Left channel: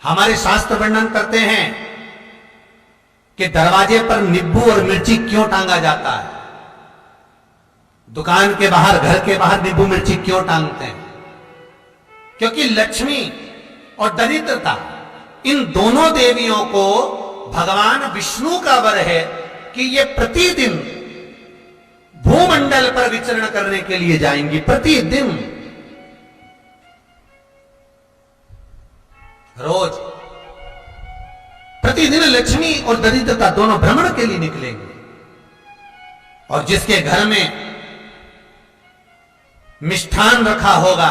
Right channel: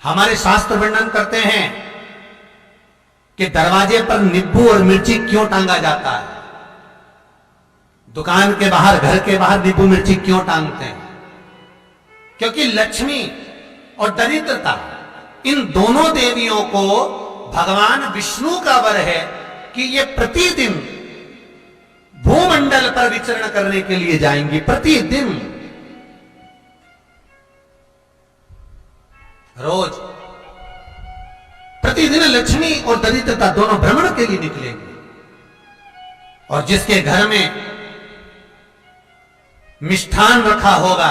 हमारे शास्त्र वर्णन करते हैं कि दरवाजे पर नींबू और मिर्ची क्यों टांगा जाता है। दुकान के बाहर, घर के बाहर नींबू मिर्ची क्यों टांगते हैं? क्योंकि लक्ष्मी और दरिद्रता, इन दोनों देवियों को भगवान विष्णु का वर है कि ये प्रतिदिन भूमंडल पर विचरण करने के लिए जाएंगी। प्रतिदिन, रोज प्रतिदिन लक्ष्मी और दरिद्रता दोनों भ्रमण के लिए निकलेंगे। और जिसके घर में मिष्ठान रखा होगा,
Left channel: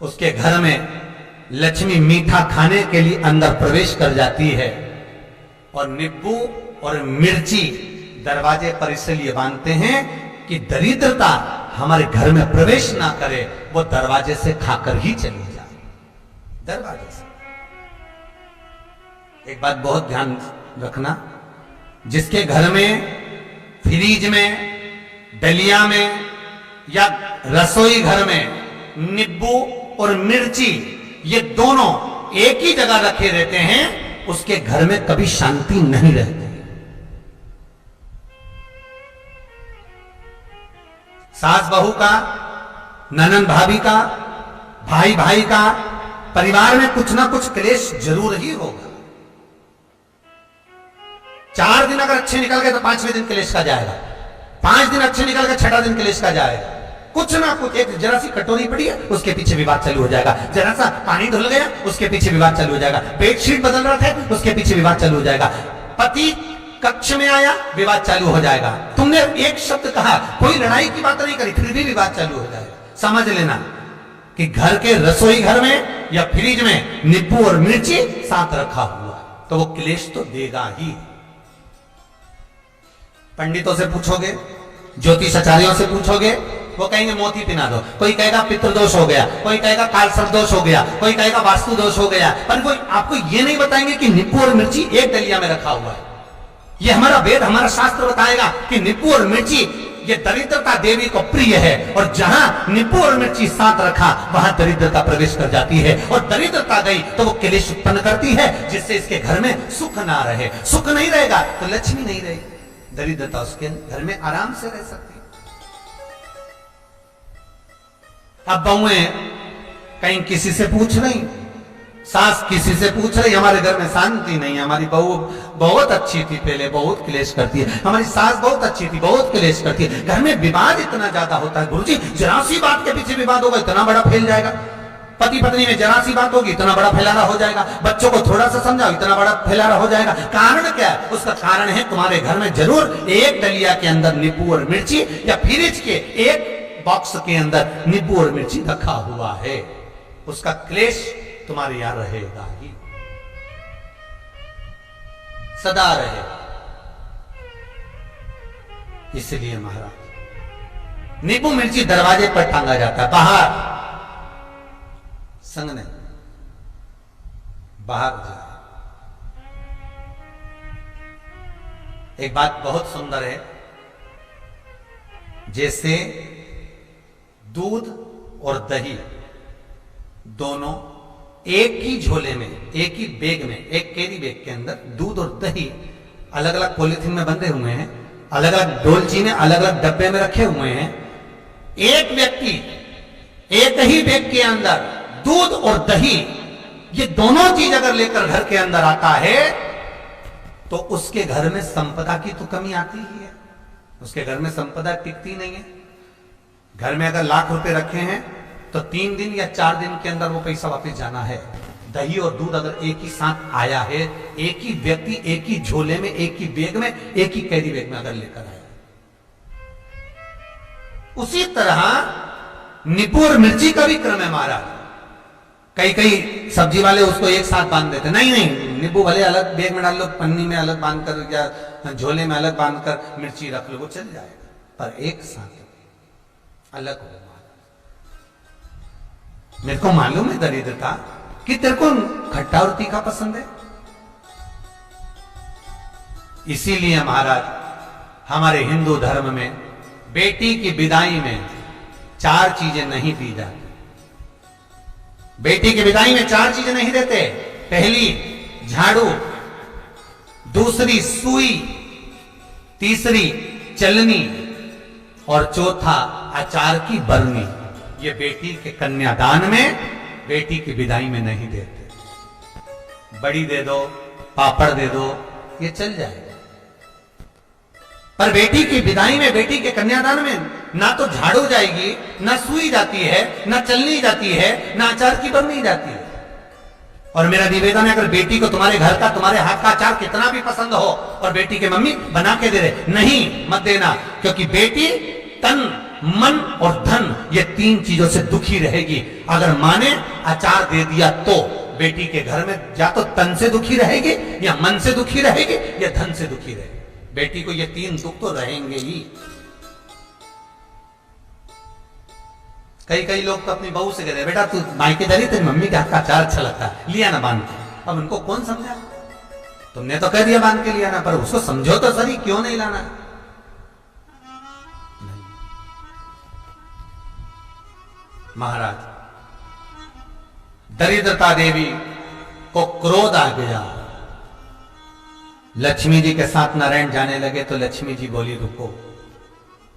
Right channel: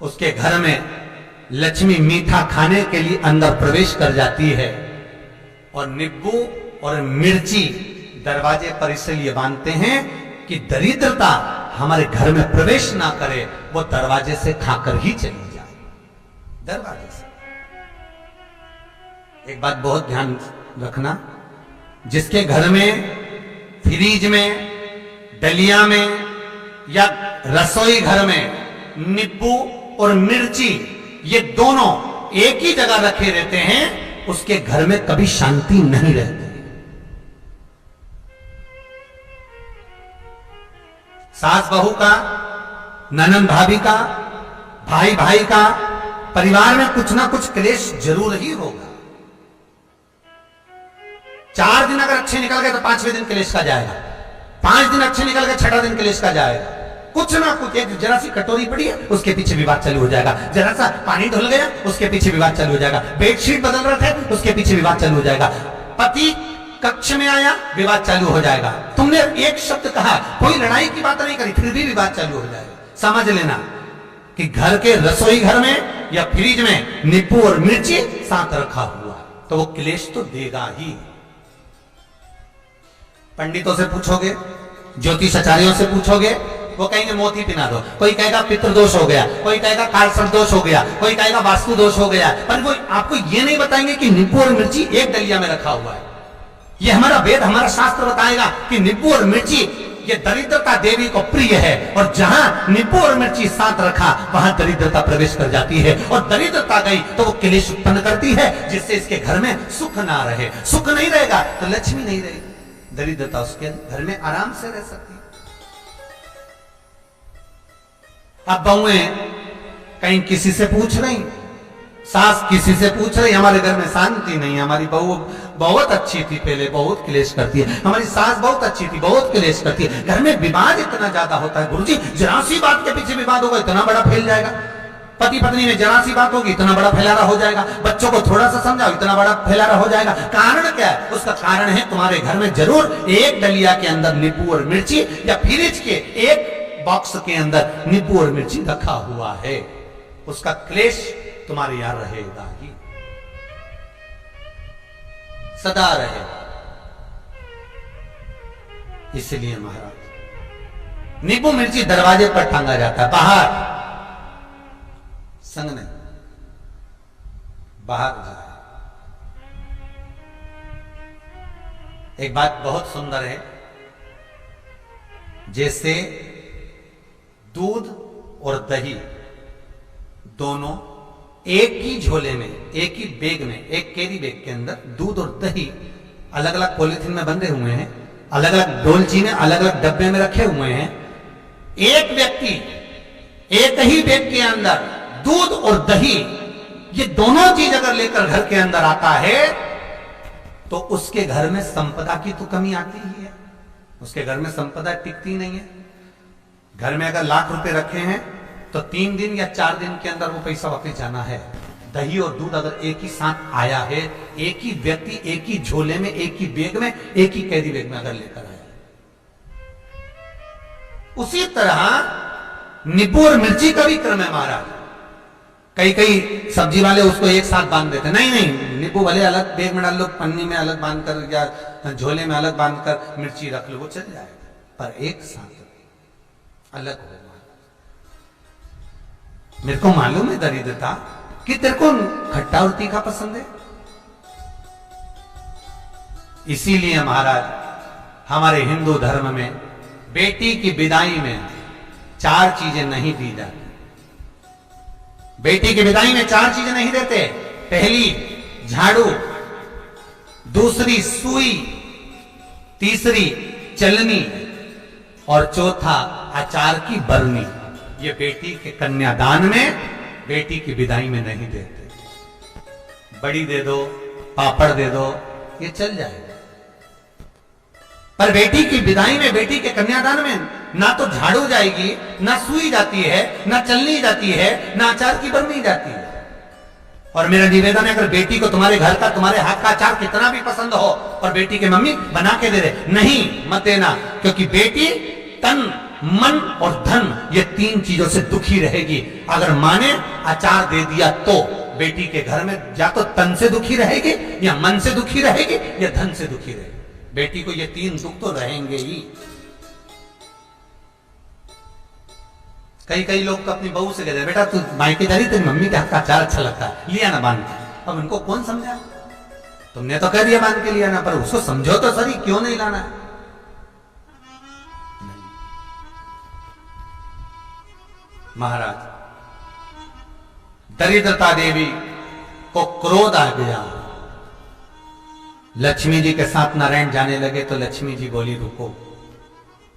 उसके घर में लक्ष्मी मीठा खाने के लिए अंदर प्रवेश कर जाती है। और नींबू और मिर्ची दरवाजे पर इसलिए बांधते हैं कि दरिद्रता हमारे घर में प्रवेश ना करे, वो दरवाजे से खाकर ही चली जाए। दरवाजे से। एक बात बहुत ध्यान रखना, जिसके घर में फ्रिज में, डलिया में या रसोई घर में नींबू और मिर्ची ये दोनों एक ही जगह रखे रहते हैं, उसके घर में कभी शांति नहीं रहती। सास बहू का, ननंद भाभी का, भाई भाई का, परिवार में कुछ ना कुछ क्लेश जरूर ही होगा। 4 दिन अगर अच्छे निकल गए तो 5वें दिन क्लेश का जाएगा। 5 दिन अच्छे निकल गए, 6ठा दिन क्लेश का जाएगा। कुछ ना कुछ, एक जरा सी कटोरी पड़ी है उसके पीछे विवाद चालू हो जाएगा, जरा सा पानी ढुल गया उसके पीछे विवाद चालू हो जाएगा, बेडशीट बदल रहा था उसके पीछे विवाद चालू हो जाएगा, पति कक्ष में आया विवाद चालू हो जाएगा, तुमने एक शब्द कहा, कोई लड़ाई की बात नहीं करी, फिर भी विवाद चालू हो जाएगा। समझ लेना कि घर के रसोई घर में या फ्रिज में नींबू और मिर्ची साथ रखा हुआ तो वो क्लेश तो देगा ही। पंडितों से पूछोगे, ज्योतिषाचार्यों से पूछोगे, वो कहेंगे मोती पिना दो, कोई कहेगा पितृदोष हो गया, कोई कहेगा कालसर्प दोष हो गया, कोई कहेगा वास्तु दोष हो गया, पर वो आपको ये नहीं बताएंगे कि नींबू और मिर्ची एक डलिया में रखा हुआ है। ये हमारा वेद, हमारा शास्त्र बताएगा कि नींबू और मिर्ची ये दरिद्रता देवी को प्रिय है, और जहां नींबू और मिर्ची साथ रखा वहां दरिद्रता प्रवेश कर जाती है, और दरिद्रता गई तो वो क्लेश उत्पन्न करती है, जिससे इसके घर में सुख ना रहे। सुख नहीं रहेगा तो लक्ष्मी नहीं रहेगी, दरिद्रता उसके घर में आराम से रह सकती है। अब बहुएं कहीं किसी से पूछ रही, सास किसी से पूछ रही, हमारे घर में शांति नहीं है, हमारी बहू बहुत अच्छी थी पहले, बहुत क्लेश करती है, हमारी सास बहुत अच्छी थी, बहुत क्लेश करती है। घर में विवाद इतना ज्यादा होता है गुरुजी, जरा सी बात के पीछे विवाद होगा इतना बड़ा फैल जाएगा, पति पत्नी में जरा सी बात होगी इतना बड़ा फैलारा हो जाएगा, बच्चों को थोड़ा सा समझाओ इतना बड़ा फैलारा हो जाएगा। कारण क्या है? उसका कारण है तुम्हारे घर में जरूर एक डलिया के अंदर नींबू और मिर्ची या फ्रिज के एक बॉक्स के अंदर नींबू और मिर्ची रखा हुआ है, उसका क्लेश तुम्हारे यहां रहेगा ही, सदा रहेगा। इसलिए महाराज नींबू मिर्ची दरवाजे पर टांगा जाता है, बाहर संग नहीं, बाहर जाए। एक बात बहुत सुंदर है, जैसे दूध और दही दोनों एक ही झोले में, एक ही बैग में, एक कैरी बैग के अंदर दूध और दही अलग अलग पॉलिथीन में बंधे हुए हैं, अलग अलग डोलचीने अलग अलग डब्बे में रखे हुए हैं। एक व्यक्ति एक ही बैग के अंदर दूध और दही ये दोनों चीज अगर लेकर घर के अंदर आता है तो उसके घर में संपदा की तो कमी आती ही है, उसके घर में संपदा टिकती नहीं है। घर में अगर लाख रुपए रखे हैं तो 3 दिन या 4 दिन के अंदर वो पैसा वापस जाना है। दही और दूध अगर एक ही साथ आया है, एक ही व्यक्ति एक ही झोले में, एक ही बैग में, एक ही कैरी बैग में अगर लेकर आया, उसी तरह नींबू और मिर्ची का भी क्रम है महाराज। कई कई सब्जी वाले उसको एक साथ बांध देते, नहीं नहीं, नींबू भले अलग बैग में डाल लो, पन्नी में अलग बांध कर या झोले में अलग बांध कर मिर्ची रख लो, वो चल जाएगा, पर एक साथ अलग हो। मेरे को मालूम है दरिद्रता कि तेरे को खट्टा और तीखा पसंद है, इसीलिए महाराज हमारे हिंदू धर्म में बेटी की विदाई में 4 चीजें नहीं दी जाती। बेटी की विदाई में 4 चीजें नहीं देते। पहली झाड़ू, दूसरी सुई, तीसरी चलनी और चौथा अचार की बरनी। ये बेटी के कन्यादान में, बेटी की विदाई में नहीं देते। बड़ी दे दो, पापड़ दे दो, ये चल जाएगा, पर बेटी की विदाई में, बेटी के कन्यादान में ना तो झाड़ू जाएगी, ना सुई जाती है, ना चलनी जाती है, ना अचार की बरनी जाती है। और मेरा निवेदन है, अगर बेटी को तुम्हारे घर का, तुम्हारे हाथ का अचार कितना भी पसंद हो और बेटी के मम्मी बना के दे दे, नहीं, मत देना, क्योंकि बेटी तन, मन और धन, ये 3 चीजों से दुखी रहेगी। अगर माँ ने अचार दे दिया तो बेटी के घर में या तो तन से दुखी रहेगी, या मन से दुखी रहेगी, या धन से दुखी रहेगी। बेटी को ये 3 दुख तो रहेंगे ही। कई लोग तो अपनी बहू से कहते हैं, बेटा तू मायके जा रही, तेरी मम्मी के हाथ का अचार अच्छा लगता है, लिया ना बांध के। अब उनको कौन समझा? तुमने तो कह दिया बांध के लिया ना, पर उसको समझो तो सही, क्यों नहीं लाना है? महाराज, दरिद्रता देवी को क्रोध आ गया। लक्ष्मी जी के साथ नारायण जाने लगे तो लक्ष्मी जी बोली, रुको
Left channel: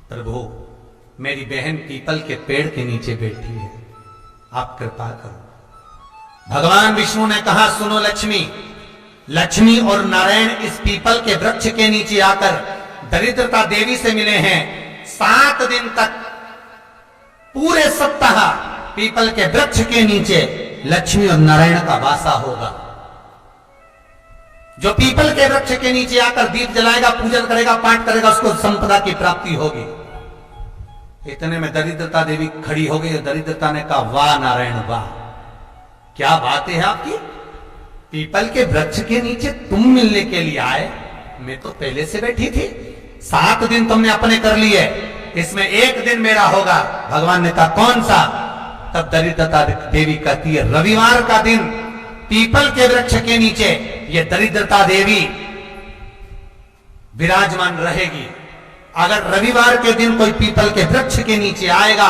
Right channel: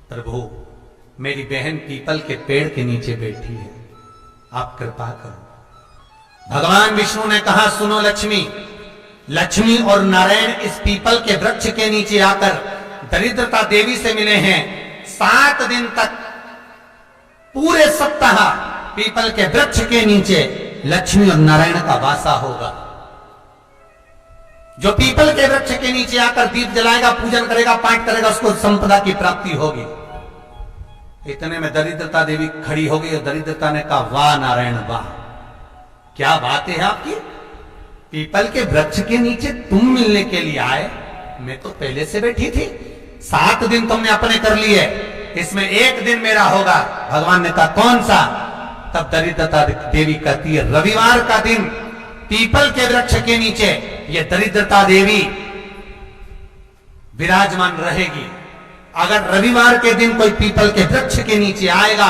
प्रभु, मेरी बहन पीपल के पेड़ के नीचे बैठी है, आप कृपा करो। भगवान विष्णु ने कहा, सुनो लक्ष्मी, लक्ष्मी और नारायण इस पीपल के वृक्ष के नीचे आकर दरिद्रता देवी से मिले हैं। 7 दिन तक, पूरे सप्ताह पीपल के वृक्ष के नीचे लक्ष्मी और नारायण का वासा होगा। जो पीपल के वृक्ष के नीचे आकर दीप जलाएगा, पूजन करेगा, पाठ करेगा, उसको संपदा की प्राप्ति होगी। इतने में दरिद्रता देवी खड़ी हो गई और दरिद्रता ने कहा, वाह नारायण वाह, क्या बात है आपकी, पीपल के वृक्ष के नीचे तुम मिलने के लिए आए, मैं तो पहले से बैठी थी। 7 दिन तुमने अपने कर लिए, इसमें 1 दिन मेरा होगा। भगवान ने कहा, कौन सा? तब दरिद्रता देवी कहती है, रविवार का दिन पीपल के वृक्ष के नीचे ये दरिद्रता देवी विराजमान रहेगी। अगर रविवार के दिन कोई पीपल के वृक्ष के नीचे आएगा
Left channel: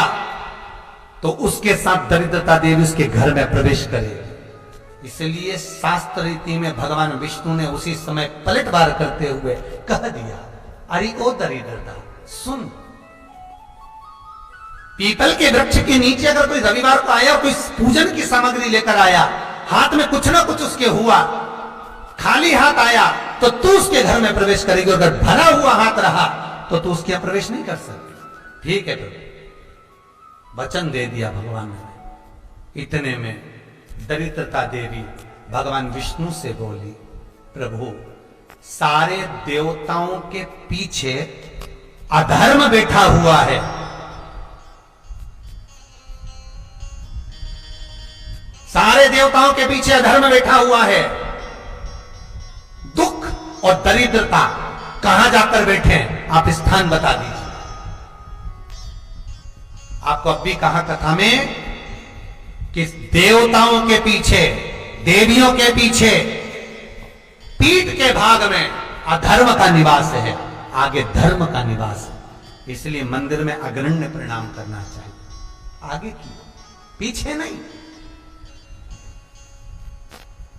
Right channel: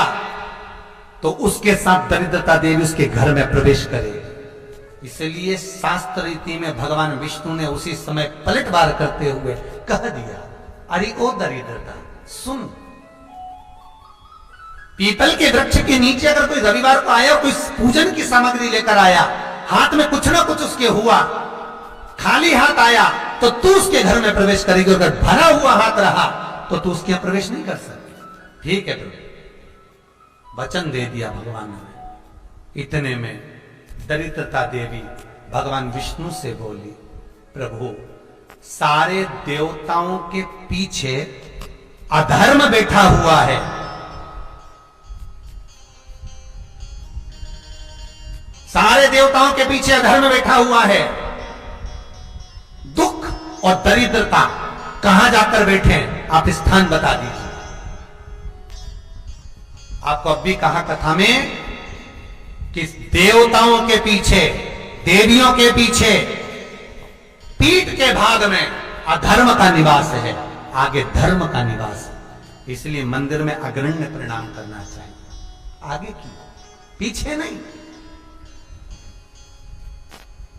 तो उसके साथ दरिद्रता देवी उसके घर में प्रवेश करेगी। इसलिए शास्त्र रीति में भगवान विष्णु ने उसी समय पलटवार करते हुए कह दिया, अरे ओ दरिद्रता सुन, पीपल के वृक्ष के नीचे अगर कोई रविवार को आया, कोई पूजन की सामग्री लेकर आया, हाथ में कुछ ना कुछ उसके हुआ, खाली हाथ आया, तो तू उसके घर में प्रवेश करेगी। अगर भरा हुआ हाथ रहा तो तू उसके यहां प्रवेश नहीं कर सकती। ठीक है प्रभु, वचन दे दिया भगवान ने। इतने में दरिद्रता देवी भगवान विष्णु से बोली, प्रभु, सारे देवताओं के पीछे अधर्म बैठा हुआ है, सारे देवताओं के पीछे अधर्म बैठा हुआ है। दुख और दरिद्रता कहां जाकर बैठे हैं, आप स्थान बता दीजिए। आपको अब भी कहा कथा में कि देवताओं के पीछे, देवियों के पीछे, पीठ के भाग में अधर्म का निवास है, आगे धर्म का निवास है। इसलिए मंदिर में अग्रण्य प्रणाम करना चाहिए, आगे की, पीछे नहीं।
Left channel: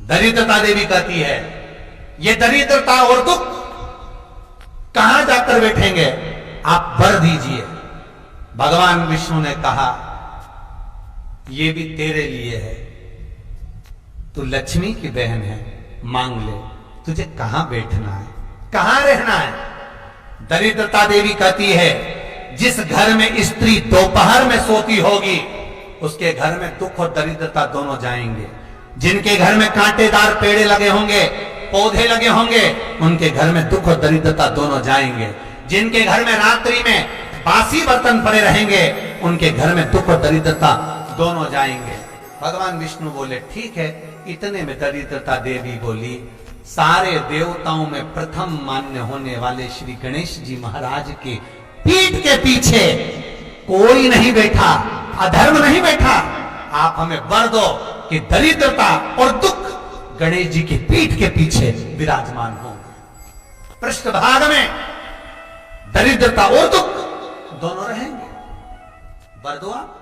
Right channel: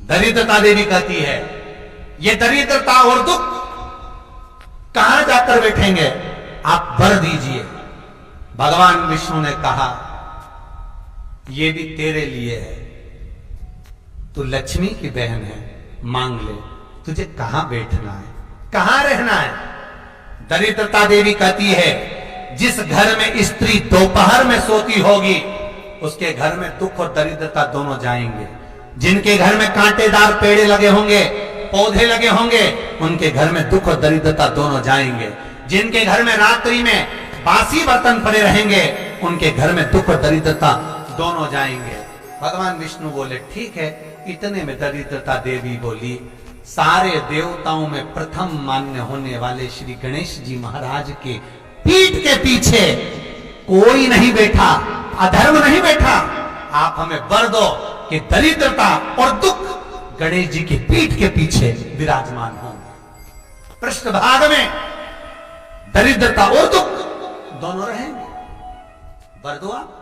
दरिद्रता देवी कहती है, ये दरिद्रता और दुख कहां जाकर बैठेंगे, आप वर दीजिए। भगवान विष्णु ने कहा, ये भी तेरे लिए है, तू लक्ष्मी की बहन है, मांग ले, तुझे कहां बैठना है, कहां रहना है। दरिद्रता देवी कहती है, जिस घर में स्त्री दोपहर में सोती होगी, उसके घर में दुख और दरिद्रता दोनों जाएंगे। जिनके घर में कांटेदार पेड़े लगे होंगे, पौधे लगे होंगे, उनके घर में दुख और दरिद्रता दोनों जाएंगे। जिनके घर में रात्रि में बासी बर्तन पड़े रहेंगे, उनके घर में दुख और दरिद्रता दोनों जाएंगे। भगवान विष्णु बोले, ठीक है। इतने में दरिद्रता देवी बोली, सारे देवताओं में प्रथम मान्य होने वाले श्री गणेश जी महाराज के पीठ के पीछे कोई नहीं बैठा, अधर्म नहीं बैठा। आप हमें वर दो कि दरिद्रता और दुख गणेश जी की पीठ के पीछे विराजमान होंगे, पृष्ठभाग में दरिद्रता और दुख दोनों रहेंगे। वर दो आप।